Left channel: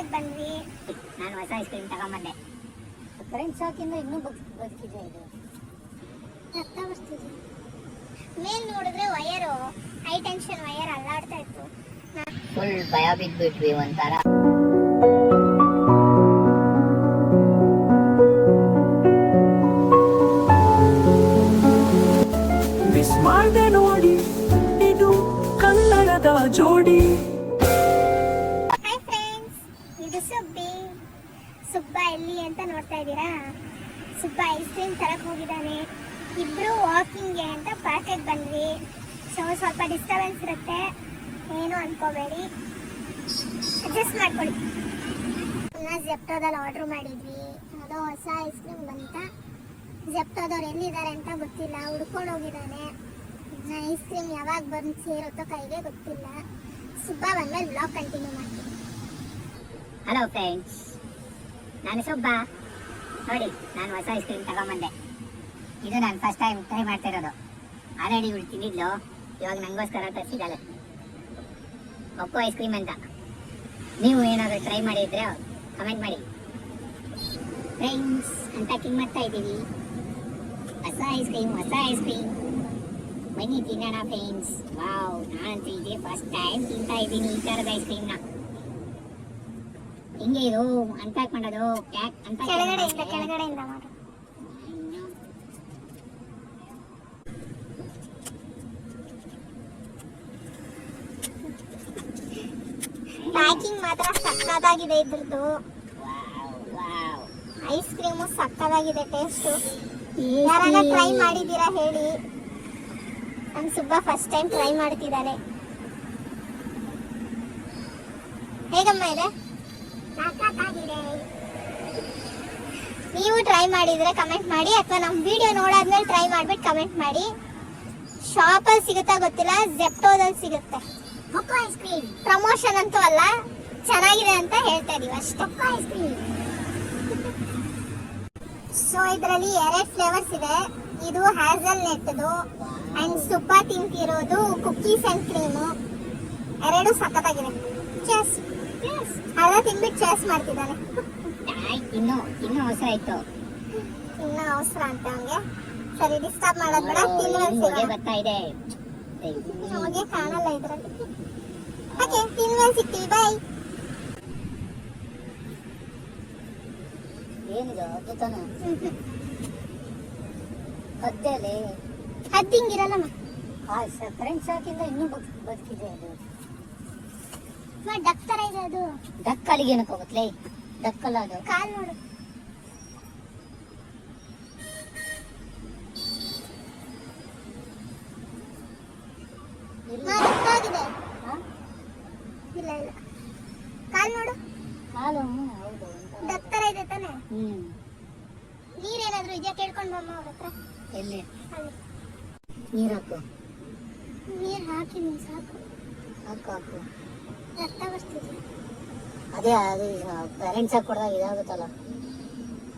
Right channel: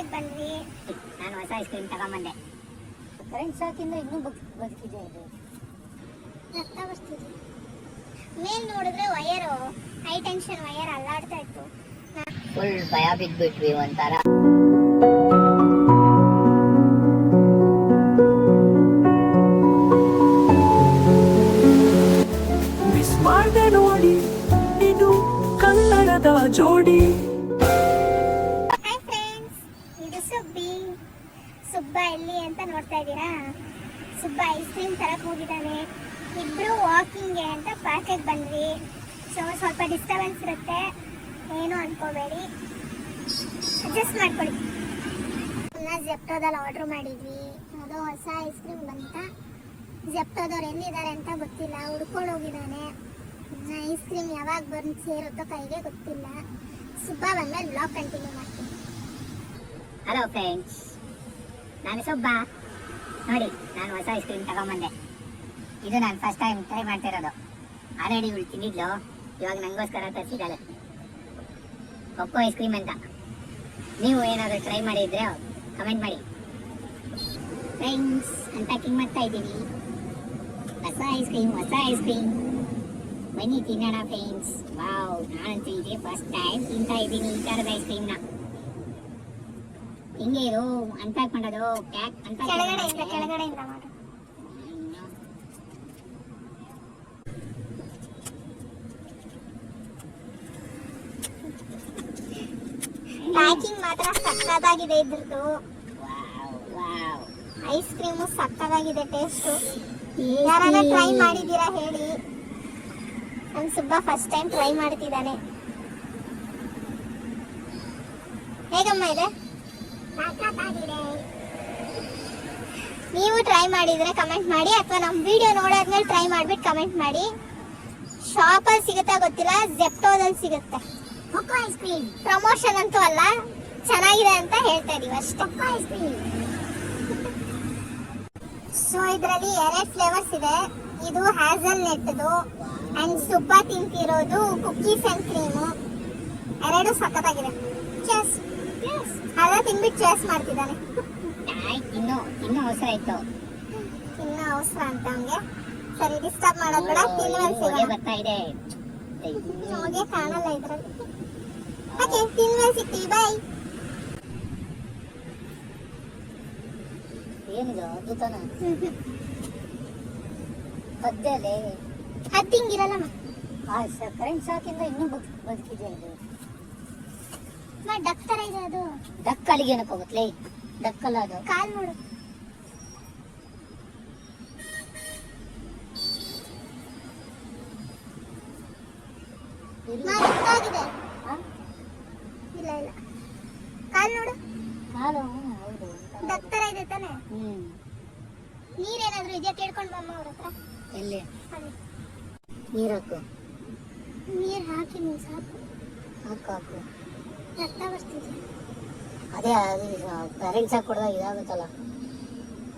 ಪಾರ್ಕಿಗೆ ಬಂದ್ವಿ. ನಾನು ಹೊಸ ಐಸ್ ಕ್ರೀಮ್ ತಗೊಂಬಂದೆ. ಕರೆಂಟ್ ಶಾಕಿಂದ ಇನ್ನೂ ಬದುಕಿದೆ ಇದು. ರಕ್ತ ಬರ್ತಿದೆ. ಮೇಲ್ ನೋಡಿದ್ರೆ ವಯರು ಹೈ ಟೆನ್ಷನ್ ವಯರ್ ಅಲ್ಲಾಡ್ತಾ ಇತ್ತು. ಫುಲ್ ಭಯ ಬಿದ್ಬಿಟ್ವಿ ಒಂಥರ. ಮಿಸ್ ಮಾಡ್ದೆ ನೋಡಿ ಇದು ಕನ್ನಡದ ಜೋಡಿ. ಹಾಯ್ ಫ್ರೆಂಡ್ಸ್, ಇದು ಸುಬ್ಬ ಎಲ್ಲಿ ಅಂತ ನೋಡ್ತಾ ಇದ್ದೀರಾ? ಸುಬ್ಬ ಐಸ್ ಕ್ರೀಮ್ ತರಕ್ ಹೋಗಿದ್ದಾನೆ. ಇಬ್ರು ವಾಕಿಂಗ್ಗೆ ಅಂತ ಪಾರ್ಕಿಗೆ ಬಂದ್ವಿ. ಸ್ವಲ್ಪ ಡಿಸ್ಟರ್ಬೆನ್ಸ್ ಇರುತ್ತೆ, ಏನು ಅನ್ಕೋಬೇಡಿ, ಅಡ್ಜಸ್ಟ್ ಮಾಡ್ಕೊಳ್ಳಿ. ಜೆಪ್ಟೋದಲ್ಲಿ ಆರ್ಡರ್ ಮಾಡಿದ್ವಿ. ಅದು ಹೊಸ ಐಸ್ ಕ್ರೀಮ್ ಬಂತ. ಜೆಪ್ಟೋದವ್ರು ಎಲ್ಲಿದ್ದಾರೆ ಅಂತ ಗೊತ್ತಿಲ್ಲ, ಹುಡ್ಕೊಂಡು ಹೋಗಿದ್ದಾನೆ. ಐಸ್ ಕ್ರೀಮ್ ಯಾವಾಗ ಬಂದು ಸೇರುತ್ತೋ ಕೈಗೆ ಗೊತ್ತಿಲ್ಲ. ಸುಬ್ಬ ಬಂದ್ಮೇಲೆ ಬ್ಲಾಗ್ ಕಂಟಿನ್ಯೂ ಮಾಡ್ತೀನಿ. ಹಲೋ ಫ್ರೆಂಡ್ಸ್, ನಾನು ಸುಬ್ಬ. ನೋಡಿ, ನಾನು ಹೊಸ ಐಸ್ ಕ್ರೀಮ್ ತಗೊಂಬಂದೆ. ಇದು ನಾನು ಫಸ್ಟ್ ಟೈಮ್ ಟ್ರೈ ಮಾಡ್ತಿರೋದು. ಆಲ್ರೆಡಿ ಇವಳು ತಿಂದಿದ್ಲು, ಇವಾಗ ನಂಗೋಸ್ಕರ ತರಿಸಿದ್ದಾಳೆ. ಕೊಕ್ಕೋ ಐಸ್ ಕ್ರೀಮ್ ಅಂತ. ನೀವು ಏನಾದರೂ ಟ್ರೈ ಮಾಡಿದ್ರೆ ಕಮೆಂಟ್ ಮಾಡಿ. ಫ್ರೆಂಡ್ಸ್, ಅನ್ಪ್ಯಾಕಿಂಗ್ ಮಾಡ್ತಾ ಇದ್ದೀವಿ. ಹೊಸ ಐಸ್ ಕ್ರೀಮ್ ಬನ್ನಿ ತಿನ್ನೋಣ ಫ್ರೆಂಡ್ಸ್. ವಾವ್, ನಾನಂತೂ ಇದೇ ಫಸ್ಟ್ ಟೈಮ್ ತಿಂತಾ ಇದ್ದೀನಿ ಈ ಥರದ ಐಸ್ ಕ್ರೀಮ್ನ. ಹಿಂಗೆ ಇದು ಅನ್ಪ್ಯಾಕ್ ಮಾಡೋದು. ಕೆಳಗಡೆಯಿಂದ ಮಾಡು. ಪ್ಯಾಕಿಂಗ್ ಮಾತ್ರ ಸಕ್ಕತ್ತಾಗಿದೆ ಇದ್ರದ್ದು. ಐಸ್ ಕ್ರೀಮು ಸಕ್ಕತ್ತಾಗಿದೆ ಟೇಸ್ಟು. ಯಾರಾದ್ರೂ ಟ್ರೈ ಮಾಡಿದ್ದೀರಾ ಹೇಳಿ. ನಮ್ ಸುಬ್ಬ ಫಸ್ಟ್ ಟೈಮ್ ಟ್ರೈ ಮಾಡ್ತಿದ್ದಾನೆ. ಹೇಗಮ್ಮ ಇದೆ? ನೀವು ಟ್ರೈ ಮಾಡಿದ್ರೆ ಕಮೆಂಟ್ ಮಾಡಿ, ಅಥವಾ ನಮ್ಮ ವಿಡಿಯೋ ನೋಡಾದ್ಮೇಲೆ ಟ್ರೈ ಮಾಡ್ಬಿಟ್ಟು ಕಮೆಂಟ್ ಮಾಡಿ. ಶಾಪಲ್ಲಿ ಸಿಗುತ್ತಾ ಗೊತ್ತಿಲ್ಲ, ಜೆಪ್ಟೋದಲ್ಲಿ ಸಿಗುತ್ತೆ. ಕೊಕ್ಕೋ ಐಸ್ ಕ್ರೀಮ್ ಪ್ರಮೋಷನ್ ಅಂತೂ ಅಲ್ಲ, ಚೆನ್ನಾಗಿದೆ ಅಂತ ಹೇಳ್ತಾ ಇದೀವಿ ಅಷ್ಟೇ. Ice cream. ಸೊ ಇದರಲ್ಲಿ 2 ಫ್ಲೇವರ್ಸ್ ಇದೆ. ಇದು ಹ್ಯಾಸಲ್ ನೆಟ್ದು ಅಂಡ್ ಸುಬ್ಬ ತಿಂತಿರೋದು ಕುಕ್ಕೀಸ್ ಅಂಡ್ ಕ್ರೀಮು. 2 ಸಖತ್ತಾಗಿದೆ. ಚೇಸ್ ಅದ ತಿನ್ಬಿಟ್ಟು ಚೇಸ್ ಮಾಡ್ತಿದ್ದಾನೆ. ಇನ್ನೂ ಅವಸರ ಇತ್ತು. ಇನ್ನು ಅವಸರ ಅಂತ ಹಂಗೆ. ಸರಿ, ಡಿಸ್ಟರ್ಬ್ ಮಾಡೋದ್ ಬೇಡ. ಬರ್ತಾ ಇದೆ. ನಮಗೆ ಕಾಣಲ್ಲ ಇದ್ರಲ್ಲಿ. ಓಕೆ, ತಿನ್ಮೇಲೆ ಸಿಗ್ತೀವಿ. ಬಾಯ್. ಏನಿದು ಅದ್ಭುತನ ಅದ್ದಲೆ ಹತ್ತಿಂಗಿರಲ್ಲಮ್ಮ. ಕರೆಂಟ್ ಶಾಕಿಂದ ಇನ್ನೂ ಬದುಕಿದೆ ಇದು. ಡಕ್ ತರ ಇದೆ ಅದು. ಡಕ್ ಅಲ್ಲಿಗೆ ಏನಕ್ಕೆ ಹೋಗುತ್ತಲೇ? ಡಕ್ಕಲ್ಲ ಅದು. ಕಾಲ್ ನೋಡು. ಆಗಿದೆ. ಇಲ್ಲ ಕಾಲ್ ನೋಡು. ಕಾಲು ಹೌದು, ಡಕ್ ತರ ಇದೆ ತಾನೆ. ನೀರೇನಾದ್ರೂ ಇದೆಯಾ ಕೇಳ್ಕೊಂಡು ಬಮ್ಮ ಅವ್ರ ಹತ್ರ. ಎಲ್ಲಿ ಅಲ್ಲಿ ನೀರು ಹಾಕು. ನೀರು ಹಾಕಿ ನೀನು ಸಾಕು. ಹಾಕು. ರಕ್ತ ಬರ್ತಿದೆ. ಅದೇ ಪೇರೆಂಟ್ಸ್ ಆಗಿ ಕೊಡಿದಾಗ ಇದಾಗುತ್ತಲ್ಲ,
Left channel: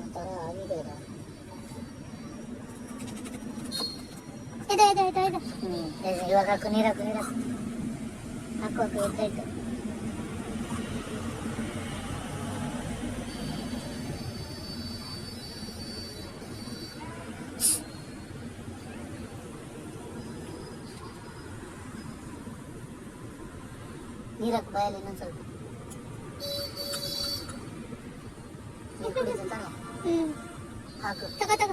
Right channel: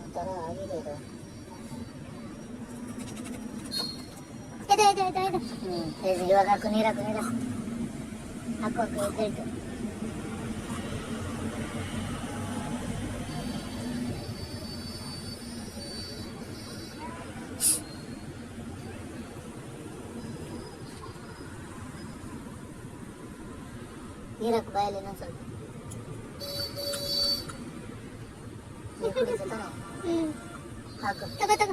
ಒಂಥರ ಆಗಿದೆ ಇದು. ಇವಾಗ ಹಾಕು, ನೀರು ಹಾಕು ಎದ್ದಾಯ್ತು. ನೀರು ಹಾಕು ಬಾಯಲ್ಲಿ ಇನ್ನೊಂದು ಸ್ವಲ್ಪ. ನೀರು ಕುಡಿತಾನೆ. ಹಾಕು. ತಗೋ.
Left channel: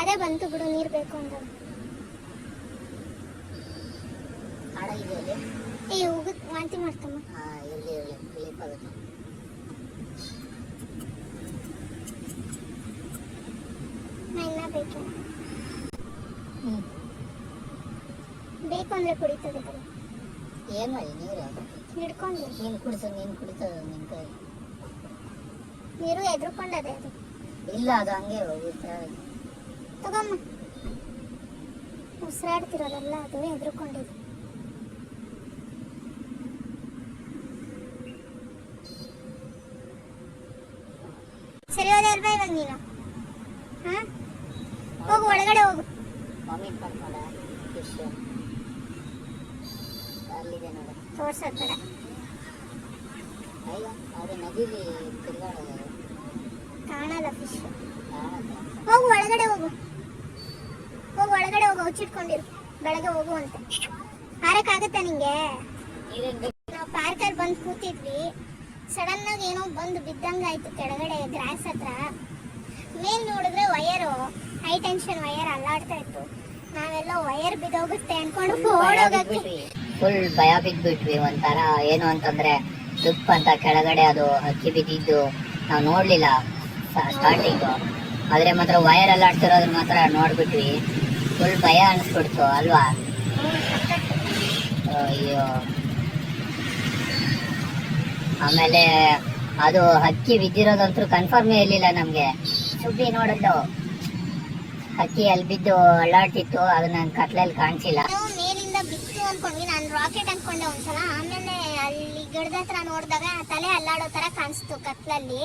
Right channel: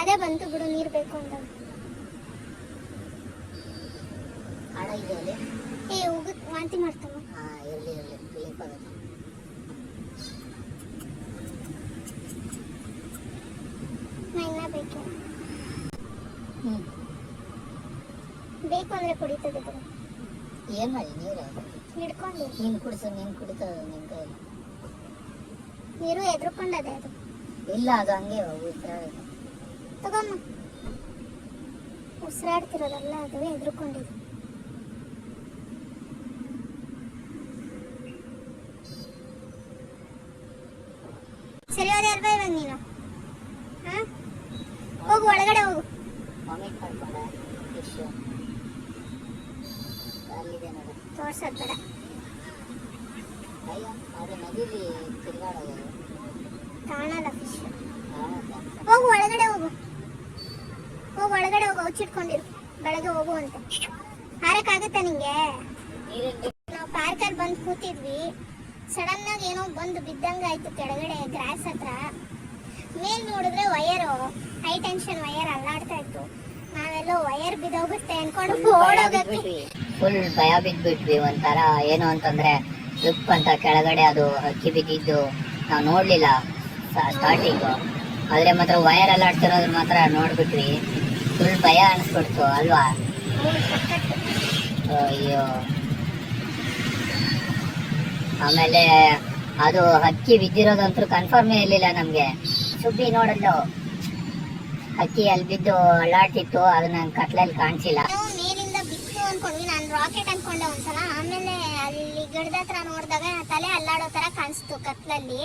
ಅದೇ ಬಂತು ಬಿಡು, ನೀರು ಬೇಕು ಅಂತ. ಆಡ ಇದೆ ಅಲ್ಲಿ. ಹೋಗುತ್ತೆ, ವಾಂತಿ ಮಾಡ್ತಮ್ಮ. ಇರಲಿ ರಿಲೀಫ್ ಆಗುತ್ತೆ. ಇನ್ನ ಬೇಕು ಅಂದ್ರೆ ಕುಡಿತದೆ. ಏನ್ ಮಾಡಿ ನೀರು ಹಿಡ್ಕೊಂಡು ನೀನು ಕುಡಿತದ ನಿನ್ ಕೈ. ನೀರು ಎದ್ರುಕೊಂಡದೆ ಅದು. ಇಲ್ಲ, ಅದು ಹಂಗೆ ತಗೊಮ್ಮ. ಉಸಿರಾಡ್ತಿರೋದಲ್ಲ, ಅದು ಎದ್ರುಕೊಂಡಿದೆ. ಸರಿ, ಹೋದೆ ಅಲ್ವಾ ಇವಾಗ ನೀನು? ಹೋಗು, ಒಳಗಡೆ ಹೋಗು. ವಾಮಿಟ್ ಮಾಡ್ಕೊಂಡ ಫಿಶ್ ಅಲ್ಲಿದೆ ನೋಡು. ತೋರ್ಸೋದ್ ಬೇಡ. ಅಯ್ಯೋ ಅದು ನದಿಲಿ ತಿರುಗಾಡೋದು ಕಾಣಲ್ಲ ಫಿಶ್. ಹೋಗು ಒಳಗಡೆ ಹೋಗು, ಹೋಗು ಒಳಗಡೆ ಹೋಗು, ಹುಚ್ಚಿಟ್ಕೊಂಡಿರು. ಬೆಳಗ್ಗೆ ಹೋಗು ಅಂತ ಹಾರಕ್ಕಾಗತ್ತಾ ನಿಂಗೆ? ನಾವು ಪಾರ್ಕಲ್ಲಿ ಬಂದು ಕೂತಿದ್ವಿ, ಸಡನ್ ಆಗಿ ಏನೋ ಬಂದು ಬಿದ್ದಂಗೆ ಆಯ್ತು ಕೆಳಗಡೆ ಗ್ರಾಸ್ ಹತ್ರ. ಮೇಲ್ ನೋಡಿದ್ರೆ ವಯರು, ಹೈ ಟೆನ್ಷನ್ ವಯರ್ ಅಲ್ಲಾಡ್ತಾ ಇತ್ತು. ನಾವೆಲ್ಲೋ ವಯರ್ ಬಿದ್ದೋಗುತ್ತೆ ಅನ್ಕೊಂಡು ಓಡೋಗಕ್ಕೆ ಫುಲ್ ಭಯ ಬಿದ್ಬಿಟ್ವಿ. ಒಂಥರ ಏನು ಅಂತಂದ್ರೆ ತುಪ್ಪ ಅಂತ ಕೆಳಗಡೆ ಅದು ಹಕ್ಕಿ ಬಿದ್ದಿದ್ದು ನಾವು ನೋಡ್ಲಿಲ್ಲ ಸ್ಟಾರ್ಟಿಂಗ್. ಆದ್ರೆ ಮಾತ್ರ ವಯರ್ ಎಲ್ಲ ಆಡ್ತಿರೋದ್ರ ಮಾತ್ರ ನೋಡ್ಬಿಟ್ವಿ. ಫುಲ್ ಭಯ ಅನಿಸ್ಬಿಡ್ತು ಅಲ್ವಾ? ಅಯ್ಯೋ. ಆಮೇಲೆ ಅದು ಹಕ್ಕಿ ಬಿದ್ದಿರೋದಂತೂ ಕನ್ಫರ್ಮೇ ಇರ್ಲಿಲ್ಲ ನಮ್ಗೆ. ಸುದ್ದಿ ನೋಡಿದ್ದು ಹಕ್ಕಿ ಅಲ್ಲಿ ಬಿದ್ದು ಅಳ್ಳಾಡ್ತಿತ್ತು, ಅದನ್ನ ಕತ್ಲಲ್ಲಿ ಕಾಣಿಸಿಲ್ಲ. ಮೇಲಿಂದ ಬಿತ್ತು ಅನ್ಕೊಂಡ್ವಿ, ನಾನು ರಾಕೆಟ್ ಅನ್ಕೊಂಡೆ ಒಂದ್ಸಲ. ಆಮೇಲೆ ಅಲ್ಲಿ ಗಿಡದ ಹತ್ರ ನೋಡಿದಾಗ ತಲೆ ಅಲ್ಲಾಡೋ ತರ ಕಾಣಿಸ್ತು ಕತ್ಲಲ್ಲಿ.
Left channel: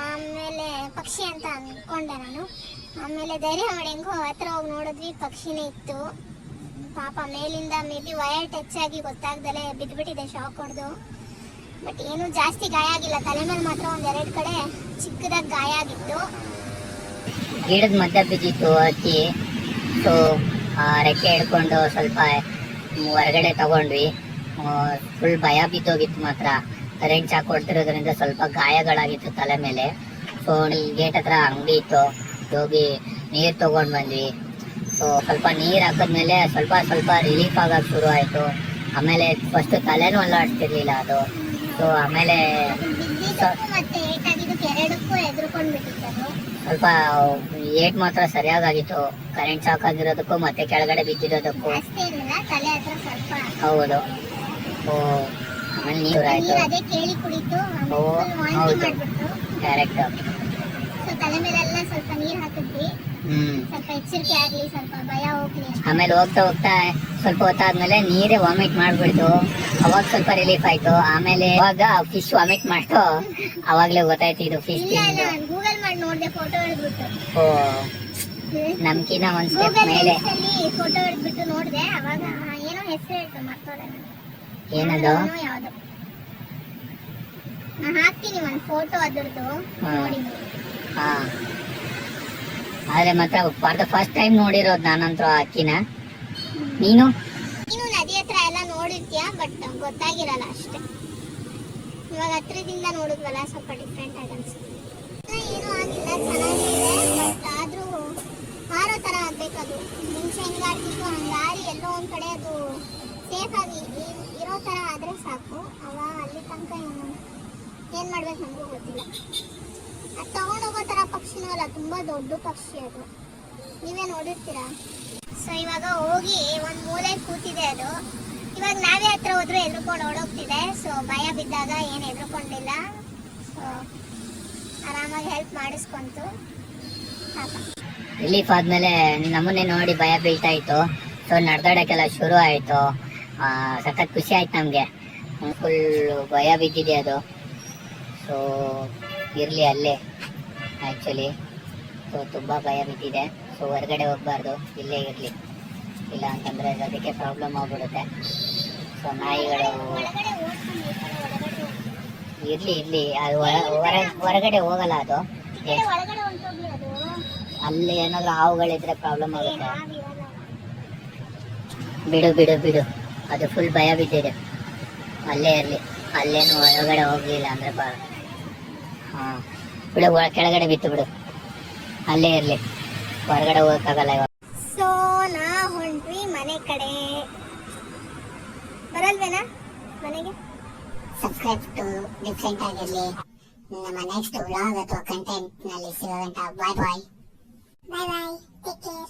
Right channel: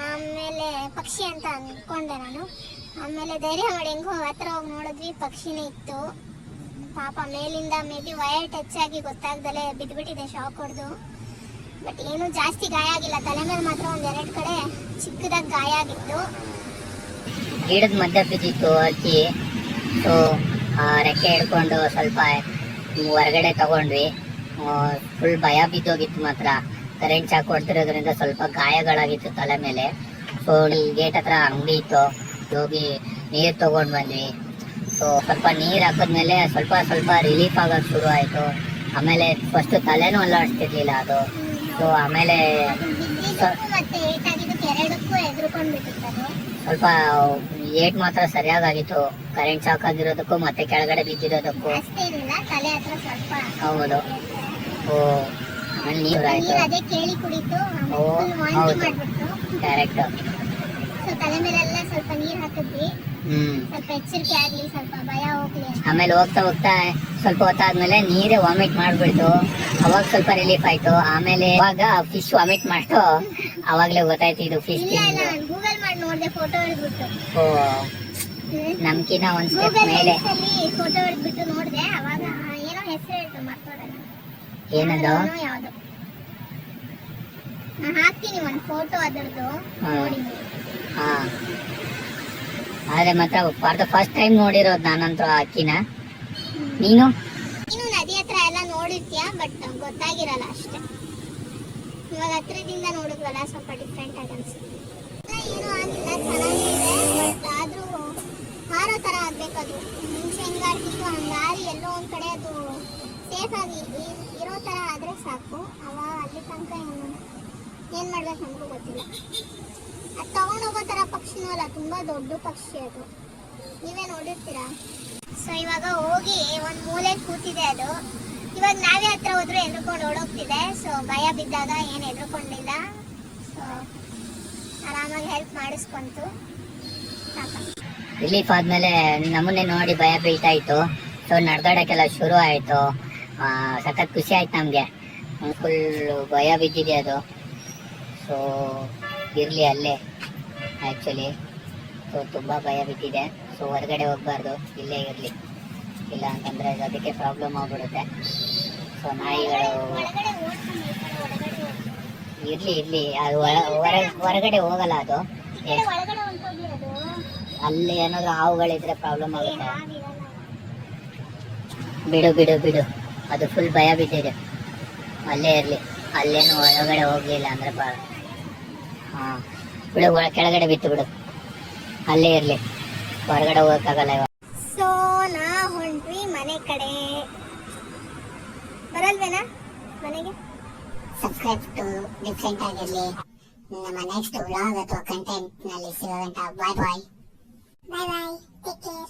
ಆಮೇಲೆ ಪಕ್ಷಿ ಅಂತ ಅನ್ಕೊಂಡೆ ನಾನು. ಆಮೇಲೆ ಧೈರ್ಯ ಮಾಡಿ ಹೆಂಗೋ ಹತ್ರ ಹೋಗಿ ನೋಡಿದ್ವಿ, ಪಕ್ಷಿನೇ ಇತ್ತು. ಪಾಪ ಮೇಲಿಂದ ಮೇ ಬಿ ವಯರ್ ಟಚ್ ಆಗಿ ಗೊತ್ತಾಗ್ದಲೇ ಬಿದ್ದುಬಿಟ್ಟಿದೆ, ಶಾಕ್ ಹೊಡೆದು. ಬಟ್ ಏನು ಜಾಸ್ತಿ ಗಾಯ ಆಗಿಲ್ಲ, ತಲೆ ಮೇಲೆ ಮಾತ್ರ ಒಂದೆರಡು ಕಡೆ ಚಿಕ್ಕದಾಗಿ ಗಾಯ ಆಗಿತ್ತು. ಗಿಡದ ಮಧ್ಯ ಬಿದ್ದಿತ್ತು ಹಕ್ಕಿ. ಸೊ ರೆಕ್ಕೆ ಹಿಡ್ಕೊಂಡು ಸ್ವಲ್ಪ ಹೊರಗಡೆ ತಗೊಂಡ್ವಿ. ಫುಲ್ ಭಯ ಬಿದ್ದೋಗಿತ್ತು ಮಾತ್ರ. ಕರೆಂಟ್ ಶಾಕ್ ಹೊಡ್ತಿರೋದ್ರಿಂದ ಸ್ವಲ್ಪ ಗಾಯಗಳಾಗಿತ್ತು ತಲೆ ಮೇಲೆ. ಸೊ ಗೇಟ್ ಹತ್ರ ಅಂಗಡಿ ಇತ್ತು, ಹೋಗಿ ನೀರು ತಗೊಂಡು ಬಂದ್ವಿ. ಸೊ ಸ್ವಲ್ಪ ನೀರು ಹಾಕಿದ್ಮೇಲೆ ಸ್ವಲ್ಪ ಸ್ವಲ್ಪ ರಿಲೀಫ್ ಆಗಕ್ಕೆ ಶುರು ಆಯಿತು. ಆಮೇಲೆ ಫಸ್ಟ್ ತಲೆನೂ ಅಲ್ಲಾಡ್ತಿರ್ಲಿಲ್ಲ ಅದು. ಸೊ ಆಮೇಲೆ ಮತ್ತೆ ಏಟಾಗಿದ್ದಕ್ಕೆ ಎರಡಕ್ಕೂ ಎದುರ್ಕೊಂಡ್ಬಿಟ್ಟಿತ್ತು. ಸ್ವಲ್ಪ ಏಟ್ ಮಾತ್ರ ಸರಿಯಾಗಿತ್ತು, ಕರೆಂಟ್ ಶಾಕ್ ಆಗಿರೋದಕ್ಕೂ ಮತ್ತೆ ಕೆಳಗಡೆ ಬಿದ್ದಿರೋದಕ್ಕೂ. ಅಷ್ಟೇ ಇಲ್ಲ, ತಲೆ ಹತ್ರ ಸ್ವಲ್ಪ. ಹೌದು. ಓ ಆಮೇಲೆ ನೀರು ಆಯ್ತು. ಅದೇ ಕೇಳಿ ಕುಡಿತು, ವಾಂತಿ ಮಾಡ್ಬಿಟ್ಟು ಡೈರೆಕ್ಟ್. ಸೊ ತಲೆ ಮೇಲೆಲ್ಲ ಸ್ವಲ್ಪ ನೀರ್ ಹಾಕಿದ್ವಿ, ಸ್ವಲ್ಪ ಎಚ್ಚರಿಕೆ ಆಗ್ಲಿ, ಸ್ವಲ್ಪ ಭಯ ಹೋಗ್ಲಿ. ಆಮೇಲೆ ಹೋಗ್ತಾ ಹೋಗ್ತಾ ಸ್ವಲ್ಪ ಹೊತ್ತಾದ್ಮೇಲೆ ನೀರೇ ವಾಮಿಟ್ ಮಾಡ್ಬಿಡ್ತು. ಅವಾಗ ಸ್ವಲ್ಪ ರಿಲೀಫ್ ಆಯ್ತು. ಆಮೇಲೆ ಅವಾಗ ಫಿಶ್ ವಾಮಿಟ್ ಮಾಡ್ತು, ಅವಾಗ್ಲೇ ಗೊತ್ತಾಯ್ತು ಇದು ಫಿಶ್. ಗೂಗಲ್ ಮಾಡಿ ನೋಡ್ದೆ, ಫೋಟೋ ಹಿಡ್ಬಿಟ್ಟು. ಓ ನಮ್ಕಿನ ಒಂದ್ ಸ್ಟೆಪ್ ಮೇಲೆ ಫೋಟೋ ಹಿಡ್ಬಿಟ್ಟು ನೋಡ್ದೆ. ಅವಾಗ ಏನೋ ಹೆಸರು ಹೇಳ್ತು, ಮರ್ತೋಡೆ. ಏನದು? ಯಾವ್ದು ನಾ ಹಾಕ್ತೀನಿ ಒಂದ್ ಫೋಟೋ ಅದ್ರದ್ದು, ನೋಡಿ. ಹಾ ಆದ್ರೆ ಮಾತ್ರ ಫಾರ್ ದ ಫಸ್ಟ್ ಟೈಮ್ ನೋಡಿರೋದು ನಾನಂತೂ ಅಕ್ಕಿನ. ನೀನು ನದಿ ಹತ್ರ ಎಲ್ಲ ನೋಡಿರ್ತೀಯ, ಬಟ್ ಗೊತ್ತಾಗಿರಲ್ಲ ಅಷ್ಟೇ. ಇವಾಗ ಹತ್ರದಿಂದ ನೋಡಿದ್ವಲ್ಲ, ಸ್ವಲ್ಪ ಡಿಫ್ರೆಂಟ್ ಆಗಿ ಅನ್ಸುತ್ತೆ. ಏನೂ ಆಗಿಲ್ಲ, ಚೆನ್ನಾಗಿದೆ. ಬಟ್ ಆದ್ರೂ ಮಾರೋ ತರ ಆಗ್ಬೇಕದು. ಮುಂಚೆ ಹೆಂಗಾಡ್ತಿತ್ತು ಹಂಗಾರಿ ಎಲ್ಲೋ ಒಂದ್ ಕಡೆ ಅದು ಸೇಫ್ ಆಗಿ ಇರೋ ತರ ಆದ್ರೆ ಸಾಕು. ಅವಾಗ ಅಲ್ಲಿ ತನಕ ಏನ್ ಮಾಡ್ಬೇಕು ನಮಗೂ ಗೊತ್ತಿಲ್ಲ. ಅದು ತಗೊಂಡೋಗೋ ತರ ಪಕ್ಷಿನೂ ಅಲ್ಲ, ತುಂಬಾ ದೊಡ್ಡ ಪಕ್ಷಿ ಅದು, ನೀವೇ ನೋಡಿರ್ತೀರಾ. ಸೊ ಇವಾಗ ಹೋಗಿ ಒಂದ್ ಮೂಲೆ ಕೂತಿದೆ ಅದು. ಇವಾಗ ನಾವೇ ಹತ್ರ ಹೋದ್ರೆ ಎದ್ರುಕೊಂಡು ಓಡೋಗ್ತಿದೆ. ಸೊ ಭಯ ಬಿದ್ದಾಗ ಏನ್ ಎದ್ರುಕೊಂಡಿಲ್ಲ. ಸೊ ಆರಾಮಾಗಿ ಹೆಲ್ಪ್ ಮಾಡಿಸ್ಕೊಂತು. ರಿಲೀಫ್ ಆದ್ಮೇಲೆ ನಮ್ಮನ್ನೇ ನೋಡಿ ಭಯ ಬೀಳ್ತಾ ಇತ್ತು. ಸೊ ನಡ್ದಾಡಕ್ಕೆಲ್ಲ ಶುರು ಆಯ್ತು. ಸಖತ್ ಖುಷಿ ಆಯ್ತು ನಮ್ಗೆ. ಫುಲ್ ಭಯ ಬಿದ್ದಿದೆ ಅದು. ಸೊ ಇರ್ಲಿ ಅಲ್ಲೇ ಆಕ್ಚುಲಿ. ಸೊ ತುಂಬಾ ಭಯ ಬಿದ್ದಿದೆ. ಸೊ ಹೊರಗಡೆ ಹೋಗ್ಬಾರ್ದು, ಇಲ್ಲೇ ಇರ್ಲಿ, ಇಲ್ಲ ಅಂತಂದ್ರೆ ಅದಕ್ಕೆ ಪ್ರಾಬ್ಲಮ್ ಆಗ್ಬಿಡುತ್ತೆ. ಸೊ ನಾಯಿಗಳು ಇರ್ಲಿ ಅದು ಹೊರಗಡೆ ಹೋಗಲ್ಲ ಅದು. ಅಲ್ಲಿ ಏನಾದ್ರು ಹಾವುಗಳಿದ್ರೆ ಪ್ರಾಬ್ಲಮ್ ಆಗುತ್ತೆ. ಬಿಡು ಅದು ಫುಲ್ ಭಯ ಬಿದ್ದಿದೆ. ಅಲ್ಲೇ ಇರ್ಲಿ, ಅಲ್ಲೇನು ಒಳಗಡೆ ಹೋಗ್ಲಿಲ್ಲ ಅಂದ್ರೆ ಬಿಡು, ಕೆಳಗಡೆ ಬಿತ್ತು ಬಿಡು, ಅಲ್ಲೇ ಇರ್ಲಿ, ಹೊರಗಡೆ ಹೋಗಕ್ಕಾಗಲ್ಲ ಇವಾಗ. ಸೊ ನಾ ಹೊಂಟ್ವಿ ಮನೆ ಕಡೆ. ಬರಲ್ವೇನಾ ಮನೆಗೆ? ಸಬ್ಸ್ಕ್ರೈಬ್ ಟು ಡಿಫ್ರೆಂಟ್ ಆಗಿರ್ಲಿ. ನಮ್ಮ ನೆಕ್ಸ್ಟ್ ವ್ಲಾಗ್ ಅಥವಾ ಕಂಟೆಂಟ್ ನಲ್ಲಿ ಸಿಗೋಗಂಟ ಬಾಯ್ ಬಾಯ್. Take care.